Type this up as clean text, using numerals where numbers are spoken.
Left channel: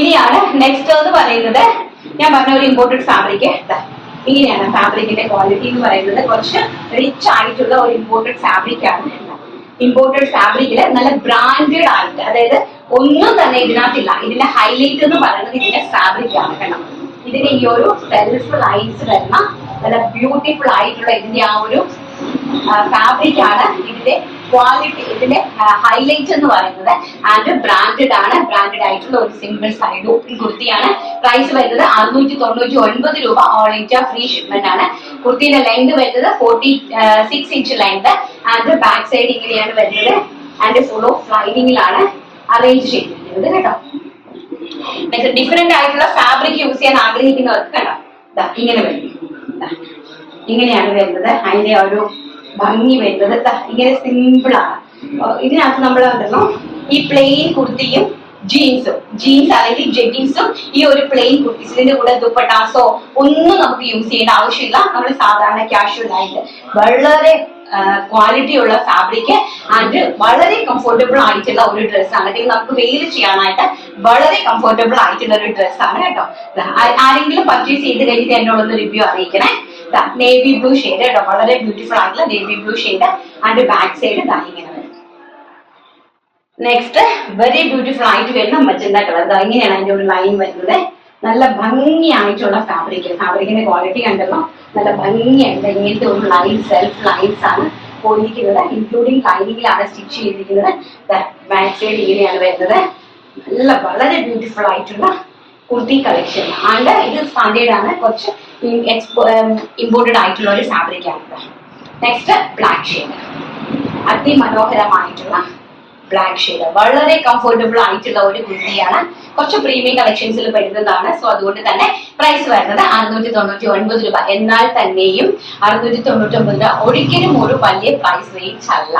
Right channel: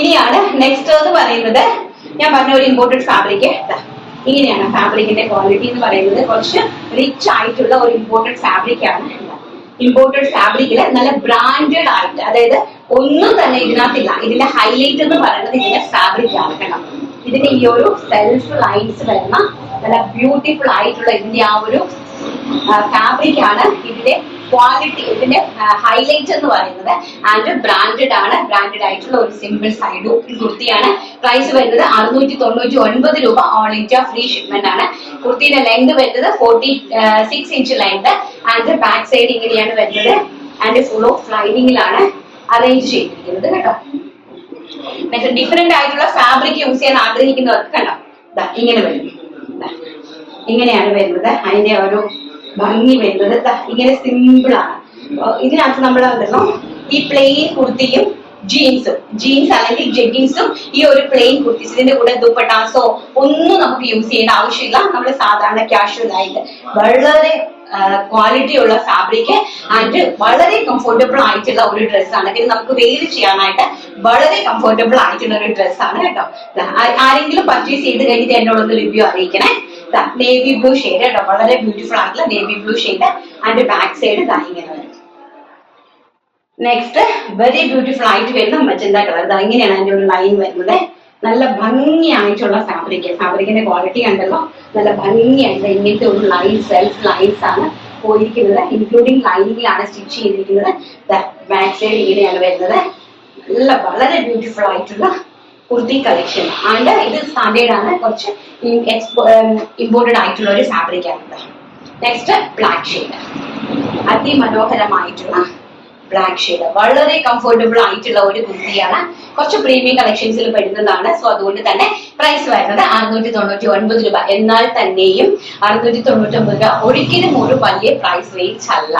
ഇനിയാണ് നെക്സ്റ്റ് എന്ന് പറയുന്നത്, ഞാൻ പറഞ്ഞ ഒരു ഇമ്പോർട്ടഡ് ഫാബ്രിക്. ഇങ്ങനെയാണ് ഫാബ്രിക്കിന്റെ ക്വാളിറ്റി എന്ന് പറയുന്നത്. കുറച്ച് റിച്ച് ആയിട്ടുള്ള ഒരു ഇമ്പോർട്ടഡ് ഫാബ്രിക് ആണ്. ഇമ്പോർട്ടഡ് ഫാബ്രിക്കില് നല്ല ബ്രാൻഡഡ് ആയിട്ട്, അതായത് ഒന്നും തന്നെ ഇതിനകത്തില്ല. ഇതിന്റെ ഹൈലൈറ്റ് എന്ന് പറയുന്നത് ഇതിന്റെ ഫാബ്രിക് ആണ്. കേട്ടോ, ഇതിന്റെ ഈ ഒരു സെൽഫ് ലൈൻസ് വരുന്ന നല്ല ബ്യൂട്ടിഫുൾ ആയിട്ടുള്ള ഇതിന്റെ ആ ഒരു ഫാബ്രിക് ആണ് ഇതിന്റെ ക്വാളിറ്റി, ഇതിന്റെ ഹൈലൈറ്റ് എന്ന് പറയുന്നത്. ആൻഡ് ബ്രാൻഡഡ് ആണ്. ബ്രാൻഡഡ് ആയിട്ടുള്ള ഒരു സിംഗിൾ സൈഡ് കുർത്തിയാണ്. പ്രൈസ് വരുന്നത് 699 രൂപ. ഓൾ ഇന്ത്യ ഫ്രീ ഷിപ്മെന്റ് ആണ്. കുർത്തിയുടെ ലെങ്ത് വരുന്നത് 46 inch length. And back side ഇങ്ങനെയാണ് വരുന്നത്. ആൻഡ് ഫുൾ ഓഫ് ലൈനിങ്ങിലാണ് അറേഞ്ച് ചെയ്തിരിക്കുന്നത്. കേട്ടോ, ഡിഫറെന്റ് ആയിട്ടുള്ള ഫാബ്രിക് യൂസ് ചെയ്യാൻ ആഗ്രഹിക്കുന്നവർക്ക് കണ്ടോ, ഇങ്ങനെ വരും. ഇങ്ങനെയാണ് വരുന്നത്. അതിന്റെ ഒരു ഭംഗി വരുന്നത് ഇങ്ങനെ സിമ്പിൾ ആണ്. ഇതിനകത്ത് നമ്മൾ ഉണ്ടല്ലോ ഈ പ്ലെയിൻ കുർത്തിയും ജീൻസ് അല്ലെങ്കിൽ ജെഗിൻസും ഈ ഒരു പ്ലെയിൻ കുർത്തീസ്, ഇതിന്റെ കൂടെ ദുപ്പട്ടാസോ ഒന്നും നമുക്ക് യൂസ് ചെയ്യേണ്ട ആവശ്യമില്ല. നമ്മൾ സാധാരണ കാഷ്വൽ ആയിട്ട് വളരെ ക്വാളിറ്റി ഉള്ള ഫാബ്രിക് ആൻഡ് വളരെ കംഫർട്ടബിൾ ആയിട്ടുള്ള ഒരു ഡ്രസ്സാണ്. അല്ലെങ്കിൽ നമുക്ക് വെയിൽ ചെയ്യാനായിട്ട് വളരെ കംഫർട്ടബിൾ ആയിട്ടുള്ള ഒരു ഡ്രസ്സാണ്. കേട്ടോ, ആരെങ്കിലും പർച്ചേസ് ചെയ്ത് കഴിഞ്ഞിട്ട് എന്നോടൊന്ന് റിവ്യൂ അറിയിക്കണേ. നേവി ബ്ലൂ ഷെയ്ഡ് കേട്ടോ, വളരെ ബ്യൂട്ടിഫുൾ ആയിട്ടുള്ള navy blue shade. And back side ഇങ്ങനെ വരും. നെക്സ്റ്റ് വെരി ബ്യൂട്ടിഫുൾ ആയിട്ട് വരുന്ന മജന്ത കളർ. ഇങ്ങനെയാണ് അതിന്റെ ഒരു ലൈൻ വരുന്നത്. നല്ല ഭംഗിയായിട്ടുള്ള ഫാബ്രിക്കിന്റെ ക്വാളിറ്റി കണ്ടല്ലോ, നല്ല ഭംഗിയായിട്ട് ഇങ്ങനത്തെ ഒരു ലൈൻ, സെൽഫ് ലൈൻസ് ആണ് പോയിരിക്കുന്നത്. ഇൻക്ലൂഡിങ് ലൈനിങ്ങിലാണ് സ്റ്റിച്ച് ചെയ്തിരിക്കുന്നത്. ബാക്ക് സൈഡ് ഇങ്ങനെയാണ് വരുന്നത്. നല്ല വളരെ ബ്യൂട്ടിഫുൾ ആയിട്ടുള്ള കുർത്തി കളക്ഷൻ ആണ്. ഇത് സ്റ്റാൻഡേർഡ് ആണ്, കുറച്ച് ഇമ്പോർട്ടഡ് ആയിട്ടുള്ള ഒരു ഫാബ്രിക് ആണ്. നെക്സ്റ്റ് ബ്ലാക്ക് ഷെയ്ഡ്, അതിമനോഹരമായിട്ടുള്ള ബ്ലാക്ക് ഷെയ്ഡ്, വളരെ കംഫർട്ടബിൾ ആയിട്ടുള്ള ഒരു കുർത്തിയാണ്. കുറച്ച് പ്രീമിയം കളക്ഷൻസിൽ പെടുന്നതാണ്. സോ അതുകൊണ്ട് തന്നെ പ്രൈസ് വരുന്നത് 699 രൂപ. എന്നാൽ തന്നെയും 699 രൂപ ഒരിക്കലും ഒരു വലിയ പ്രൈസ് റേഞ്ച് അല്ല.